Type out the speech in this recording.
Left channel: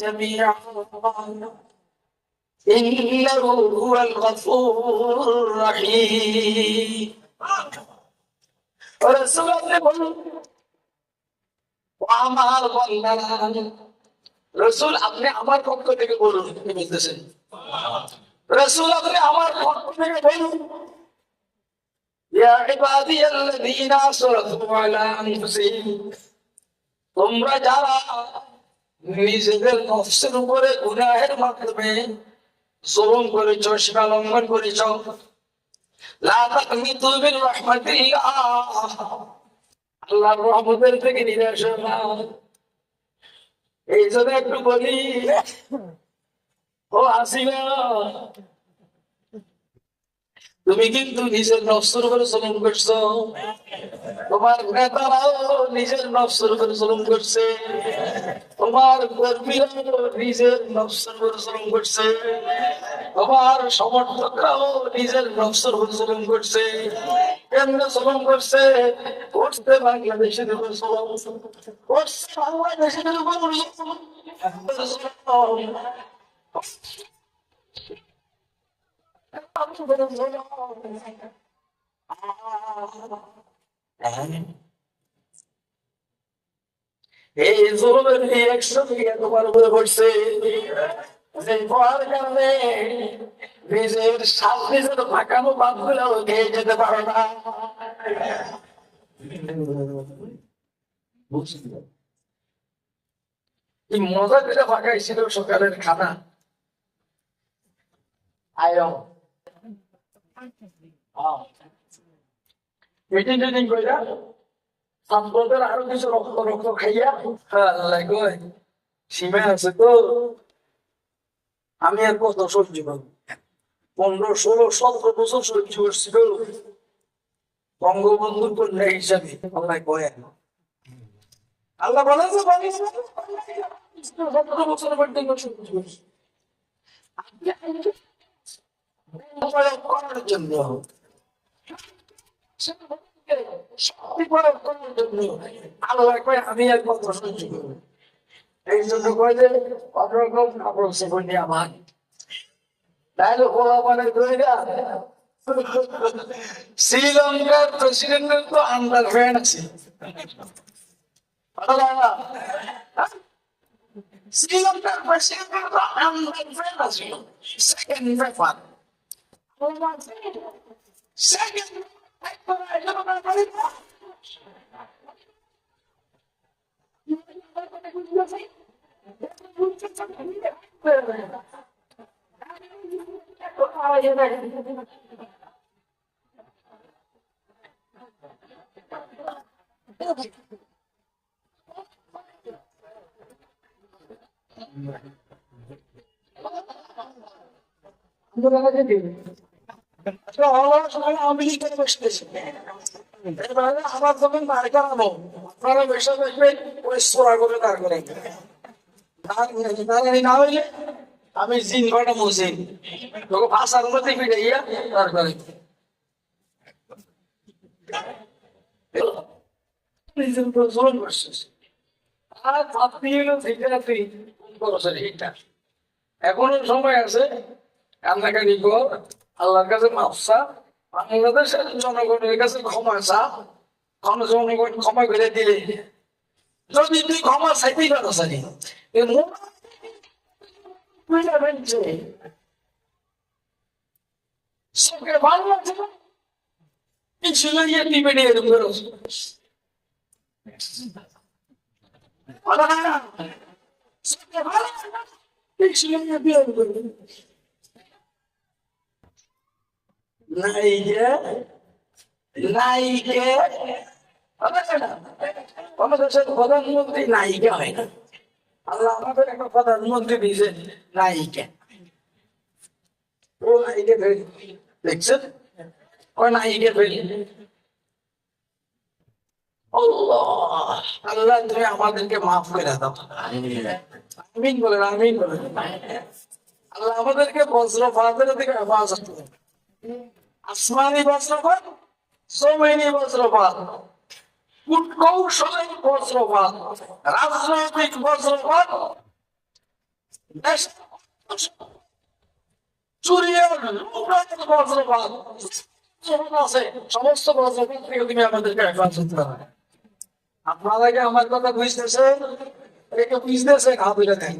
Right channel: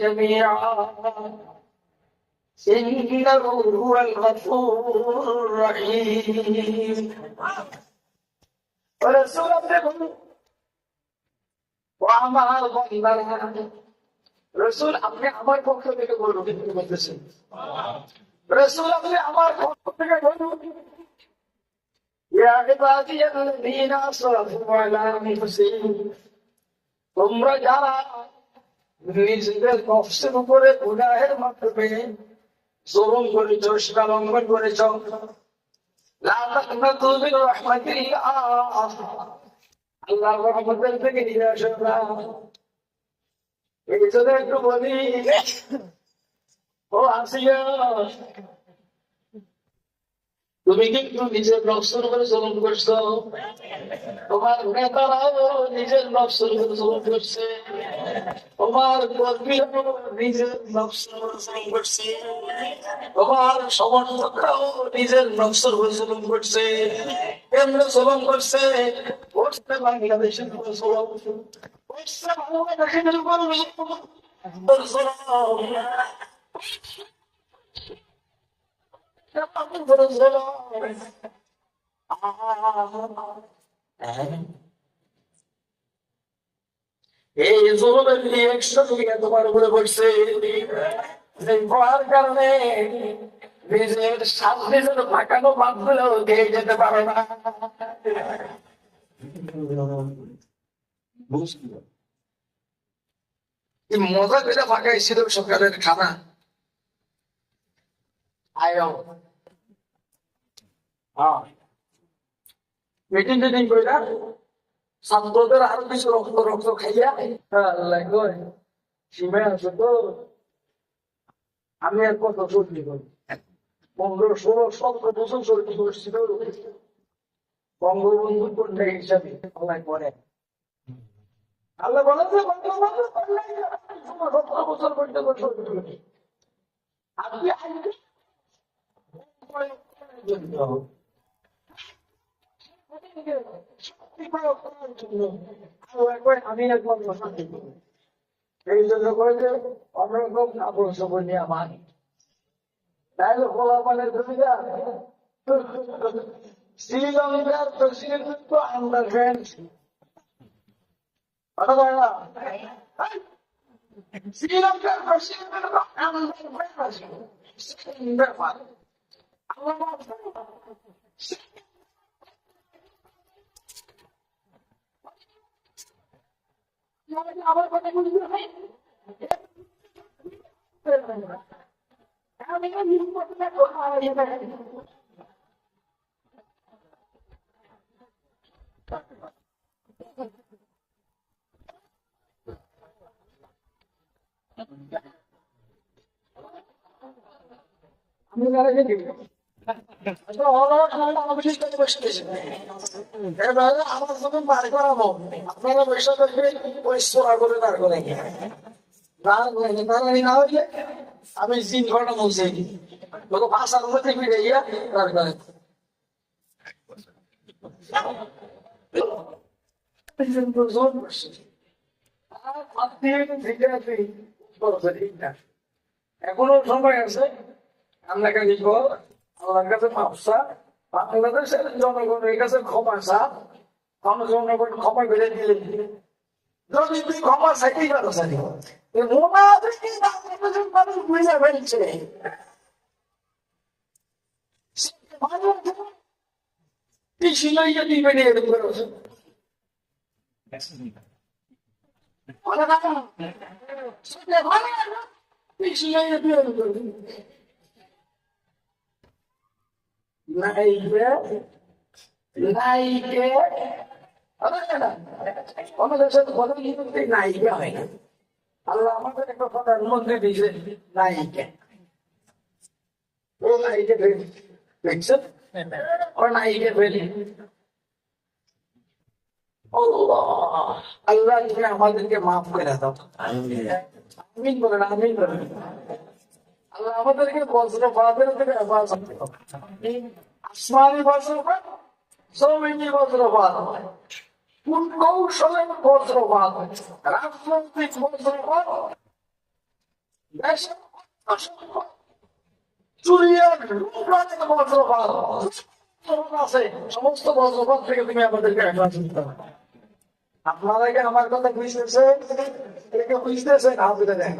جميعا إنه هو الغفور الرحيم رسول الله বলুন ও আমার বান্দারা রাসূল আপনি আমার পক্ষ থেকে বলুন কি বলতেছেন রাসূল আপনি আমার পক্ষ থেকে বলুন ইয়া ইবাদিয়াল্লাযীনা আসরাফু আলা আনফুসিহিম তোমরা যারা নিজেদের নফসের উপরে গুনাহের মাধ্যমে জুলুম করেছো সীমা লঙ্ঘন করেছো লা তাকনাতু মিন রাহমাতিল্লাহ আল্লাহর রহমতের থেকে নিরাশ হও না এই জন্য একটু বলি ও আসিয়া তুমি কিন্তু নিজের নফসের উপরে জুলুম করছো তোমার নেতারাও নিজের নফসের উপরে জুলুম করছে তোমার কর্মীরাও নিজের নফসের উপরে জুলুম করছে তোমার সমর্থকরাও নিজের নফসের উপরে জুলুম করছে কেন্দ্র জুলুম করছে করছে বাংলাদেশের উপর জুলুম করছে বাংলাদেশের উপর এই জুলুমের রিঅ্যাকশন তোমার উপরে পড়ছে পড়ার কারণে নিজের সামনে যেন থাকানো বাদ দিলেও দিয়ে যেতে পারে না মজা করে ফাঁকাইছিল সকালের খানা মিটিং টিটিং কইরা ছাত্রদের আরো কিছু রক্ত রক্ত খাইয়া সীমা আছে তো আমি আর কত সহ্য করব 15, 16, 17 বছর সহ্য করছিল বঙ্গবন্ধুর কন্যা হিসাবে আল্লাহ কয় আল্লাহ বলে যে 17 বছর পর্যন্ত সহ্য করছি আপনি করার জন্য আমি এক মন্ত্র সহ্য করবো এই জন্য কয় যে অন্যরকম কাপড় চোপড় নিয়ে আমার তাইলে খোলা মানে ধইরা শ্রীলঙ্কার প্রেসিডেন্টের তো আন্ডার ফ্যান আছে শ্রীলঙ্কার প্রেসিডেন্টের তো আন্ডার ফ্যান আছে সেকেন্ড ব্যাপার সেকেন্ড আমার কথা বুঝতে আমার যখন বার করাবো আপনারা বৈশাখ দেখবেন ওই সোরা করে দাঁড় করে দাঁড়ানি না হইলে আমি জিন ঘটা মুছি তোকে ভাষার মধ্যে ফিরাইয়া দাঁড় করে এখনো সময় আছে কান্নাকানি কর আল্লাহর কাছে মাফসা বাংলাদেশের জনগণের কাছে ক্ষমা চা জনগণ ক্ষমা করে দিলে যদি তুই ক্ষমা চাইতেই পারো সানি ফেলছে পিছু লইয়া দিবে নিয়ে এরকম করে পিছু লইয়া দিয়ে এরকম করবে প্রধানমন্ত্রী নায়িকা হয় না আল্লাহ আমাদের একটা প্রধানমন্ত্রী দিয়েছে নায়িকা ও নায়িকা দেখছেন ও নায়িকা ফেলে আল্লাহ তুমি আমাদেরকে মাফ করে দাও আমিন বলেন আমিন বলেন আল্লাহ আমাদেরকে বজ্রপাতের থেকে হেফাজত করো আসমানি বজ্রপাত জমিনি বজ্রপাত কূটকৌশলের বজ্রপাত রাজনৈতিক বজ্রপাত দেশের চুরি আর লুটপাটের বজ্রপাত যখন আছে, সমস্ত বজ্রপাত থেকে তুমি আমাদেরকে হেফাজত করো। আপনারা কি আমার কথা বুঝতেছেন? এটাকে বুঝতেছেন? হাত তুলে দেন।